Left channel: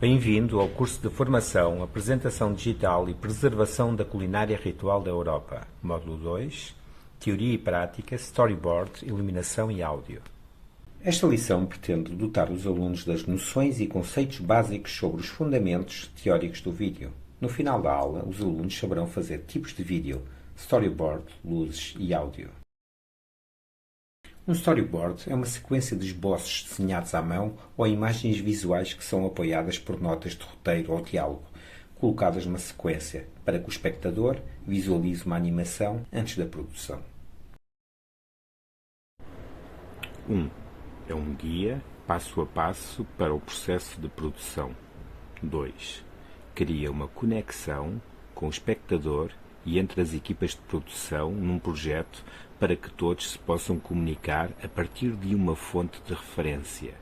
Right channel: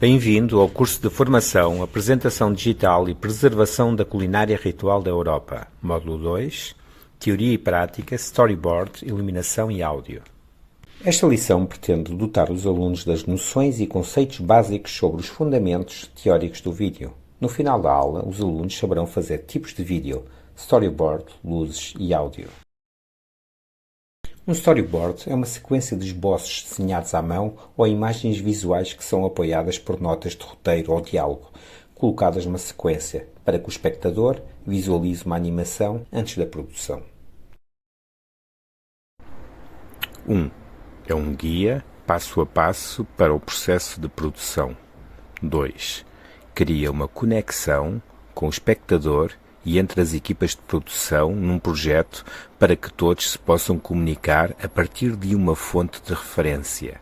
Bem-vindo ao curso de formação, apresentação digital e preservação da culinária ritual da Europa. Módulo 2, Teoria e Prática, Storyboard, Iluminação e Áudio. Esta lição pretende dotar os alunos das noções e conceitos básicos sobre os fundamentos teóricos do vídeo. No final da aula, os alunos saberão fazer tipos de vídeo, storyboard, luzes e áudio. Um storyboard é uma sequência de esboços desenhados à mão ou imagens visuais que são apoiadas por notas de roteiro ou diálogo, colocadas numa sequência, para que o espectador visualize uma animação antes da produção. 1. É um guia passo a passo para o processo de produção. 2. Cria uma conexão com o espectador e entre as equipas de produção num projeto para que todos se possam comunicar a partir de uma fonte de referência.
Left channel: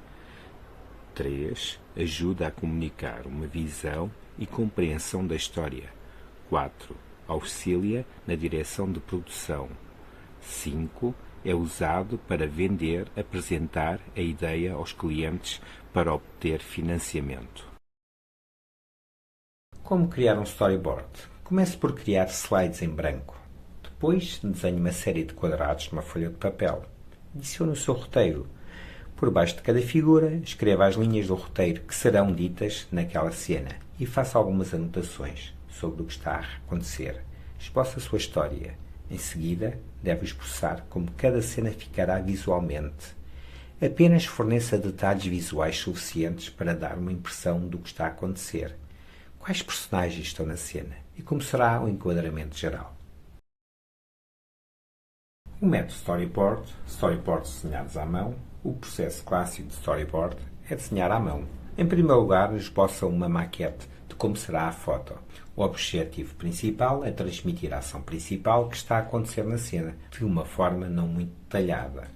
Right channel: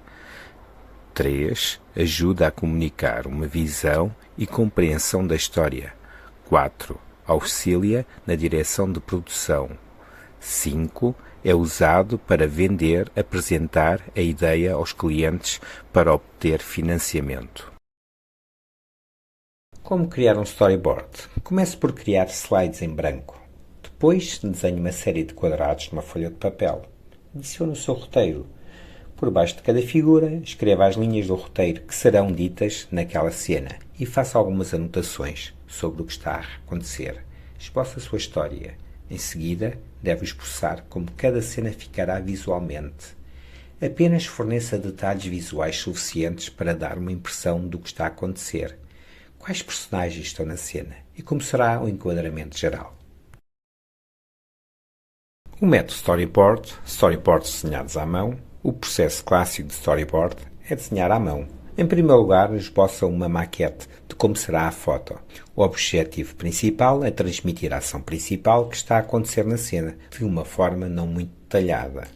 3. Ajuda a comunicar uma visão e compreensão da história. 4. Auxilia na direção de produção. 5. É usado para vender, apresentar a ideia aos clientes para obter financiamento. Como criar um storyboard? Comece por criar slides em branco. Depois, desenhe uma série de quadrados numa folha de papel. Adicione o seu roteiro. Por baixo de cada figura, escreva as linhas do roteiro que serão ditas naquela cena e faça algumas anotações sobre o que está a acontecer. Esboce a sua história. Em seguida, deve expressar como cada cena ficará visualmente. Apenas forneça detalhes visuais suficientes para dar uma impressão do que está a acontecer. Quais personagens estão na cena e como será o enquadramento geral. O método storyboard, storyboards desenhados à mão. O processo clássico de storyboard é desenhar à mão. Em primeiro lugar, esboça uma maquete de como será a foto. O objetivo principal é transmitir a ação principal que está a acontecer na cena, de uma forma não muito detalhada.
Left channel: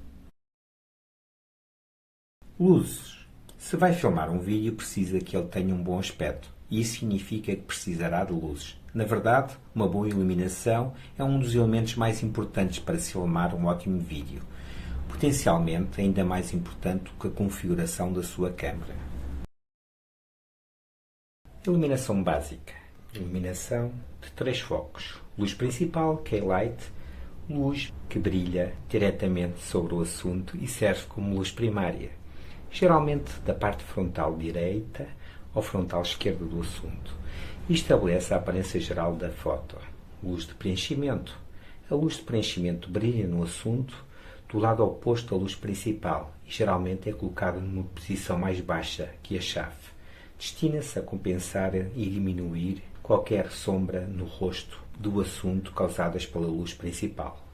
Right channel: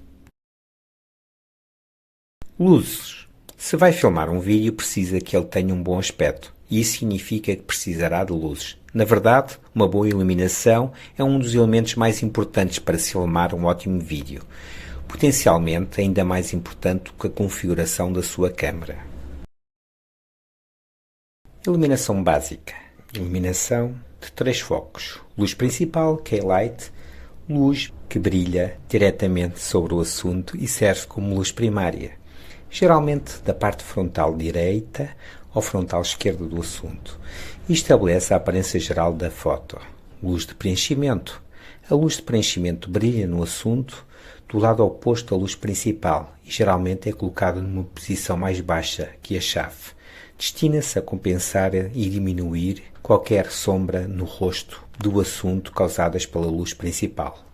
Luzes. Se vai filmar um vídeo, precisa que ele tenha um bom aspecto. E isso significa que precisará de luzes. Na verdade, uma boa iluminação é um dos elementos mais importantes para se filmar um ótimo vídeo. Potencialmente ainda mais importante do que a configuração da sua câmera. Iluminação básica. Iluminação de 3 focos. Luz principal, K-Light, luz que brilha diretamente sobre o assunto e serve como luz primária, geralmente da parte frontal direita ou frontal esquerda do assunto, e estabelece a aparência geral da foto. Luz de preenchimento. A luz de preenchimento brilha no assunto do lado oposto à luz principal e geralmente é colocada numa posição mais baixa que a chave. Destina-se a compensar e diminuir qualquer sombra no rosto do assunto causadas pela luz principal.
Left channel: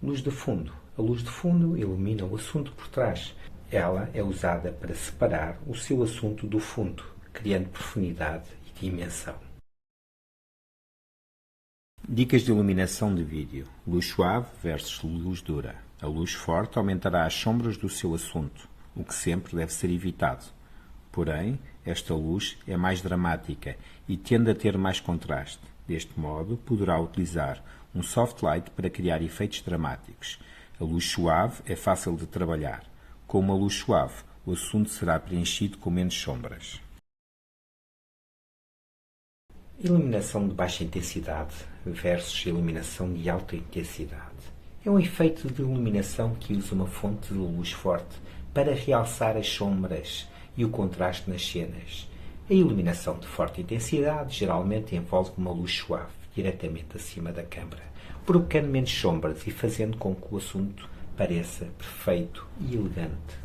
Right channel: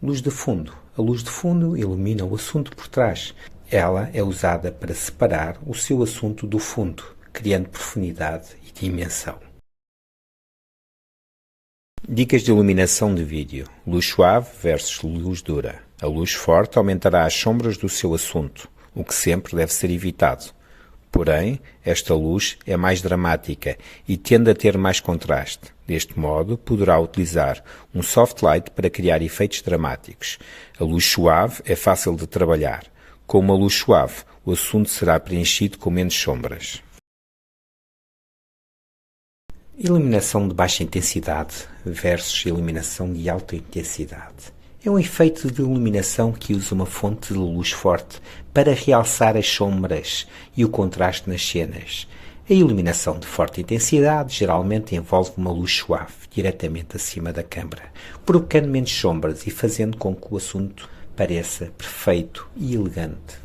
Luz de fundo. A luz de fundo ilumina o assunto por trás. Ela é usada para separar o seu assunto do fundo, criando profundidade e dimensão. Dicas de iluminação de vídeo. Luz suave versus luz dura. A luz forte aumentará as sombras do seu assunto, o que sempre deve ser evitado. Porém, esta luz é mais dramática e tende a ter mais contraste. Deste modo, poderá utilizar um soft light para criar efeitos dramáticos. A luz suave é fácil de trabalhar. Com uma luz suave, o assunto será preenchido com menos sombras. Iluminação de baixa intensidade versus iluminação de alta intensidade. É um efeito de iluminação que usa uma fonte de luz forte para realçar as sombras e o contraste nas cenas. A iluminação de forte intensidade geralmente envolve uma luz suave diretamente acima da câmara, provocando menos sombras e fazendo com que o assunto pareça perfeito e elegante.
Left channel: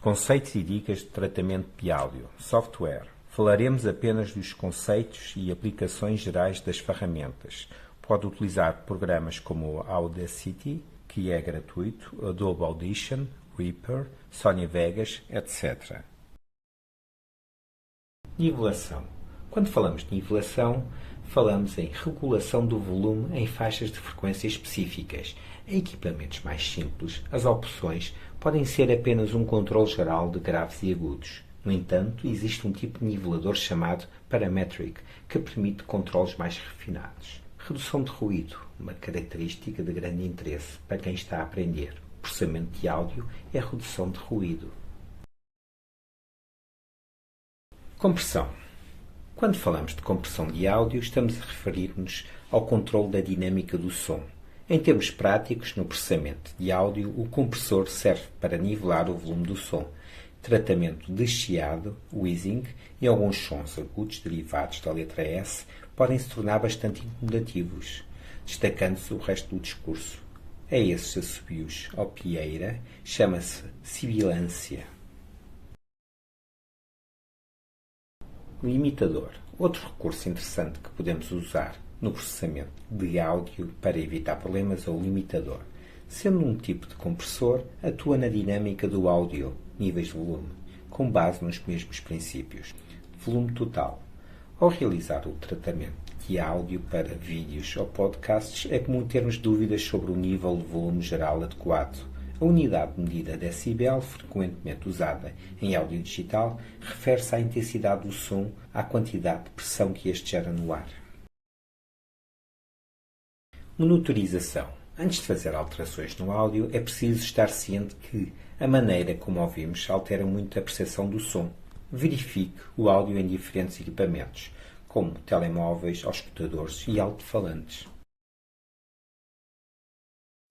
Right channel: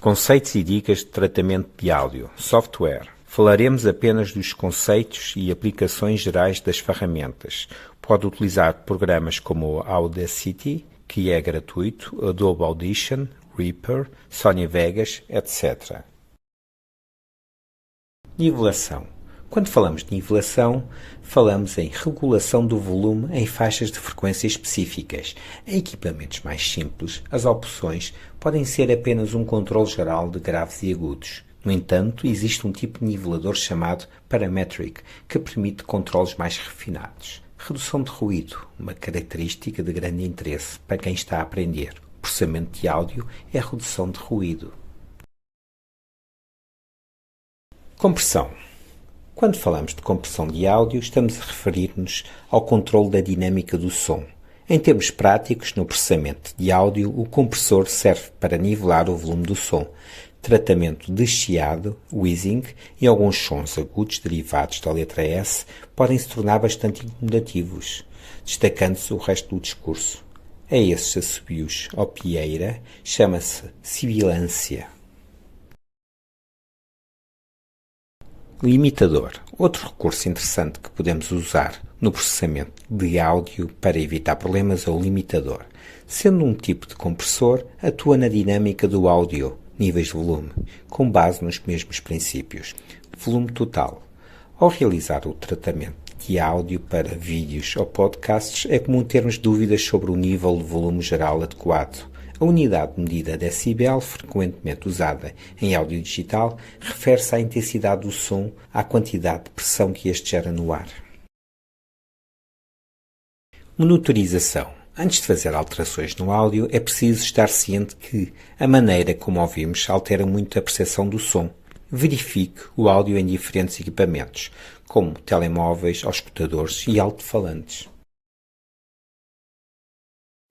Conceitos e dicas de tratamento de áudio. Software. Falaremos apenas dos conceitos e aplicações gerais das ferramentas. Pode utilizar programas como o Audacity, que é gratuito, Adobe Audition, Reaper, Sony Vegas, etc. Nivelação. Quando falamos de nivelação, falamos em regulação do volume em faixas de frequência específicas. Em equipamentos mais simples, as opções podem ser apenas um controle geral de graves e agudos. No entanto, existe um tipo de nivelador chamado Parametric, que permite controles mais refinados. Redução de ruído, uma característica de grande interesse para quem está a aprender. Processamento de áudio é redução de ruído. Compressão. Quando falamos de compressão de áudio, estamos a referir-nos ao controle da dinâmica do som. Em termos práticos, no processamento de áudio, o compressor serve para nivelar o volume do som, tratamento de chiado, wheezing e alguns sons agudos derivados da letra S podem se tornar bastante incomodativos, destacando-se o resto do discurso. A esses assobios ou pieira chama-se sibilância. Limitador. Outro recurso interessante que podemos usar no processamento de áudio para evitar problemas é o limitador. Sendo um tipo de compressor, atua na dinâmica do áudio, níveis de volume, com base nos mesmos princípios. Volume total. Ao realizar o tratamento de áudio para vídeos ou podcasts, é comum termos dúvidas sobre o nível de volume geral adequado. A unidade de medida decibel, frequentemente usada em áudio digital, refere-se à intensidade do som, à quantidade de pressão que este gera no ar. Monitorização. Antes de fazer alterações no áudio, é preciso estar ciente que a maneira como ouvimos altera muito a percepção do som. Verifique o áudio em diferentes equipamentos, como telemóveis, auscultadores e alto-falantes.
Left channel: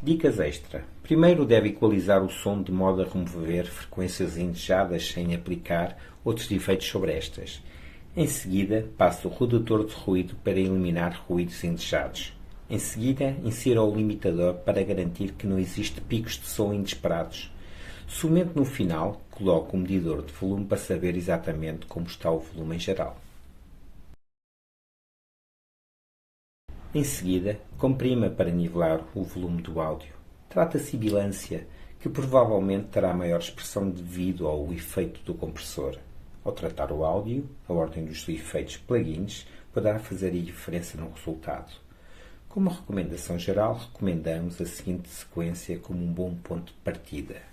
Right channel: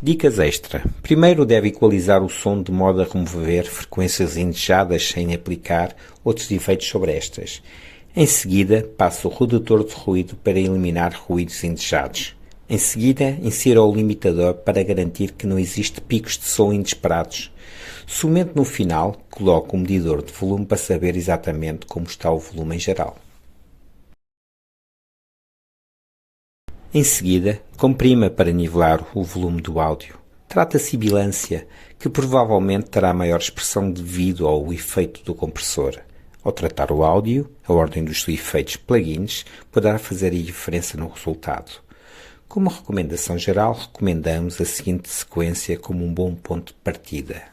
Dicas extra. Primeiro deve equalizar o som de modo a remover frequências indesejadas sem aplicar outros efeitos sobre estas. Em seguida, passe o redutor de ruído para eliminar ruídos indesejados. Em seguida, insira o limitador para garantir que não existe picos de som inesperados. Somente no final, coloque o medidor de volume para saber exatamente como está o volume em geral. Em seguida, comprima para nivelar o volume do áudio. Trata a sibilância, que provavelmente terá maior expressão devido ao efeito do compressor. Ao tratar o áudio, a ordem dos efeitos plugins poderá fazer a diferença no resultado. Como recomendação geral, recomendamos a seguinte sequência como um bom ponto de partida.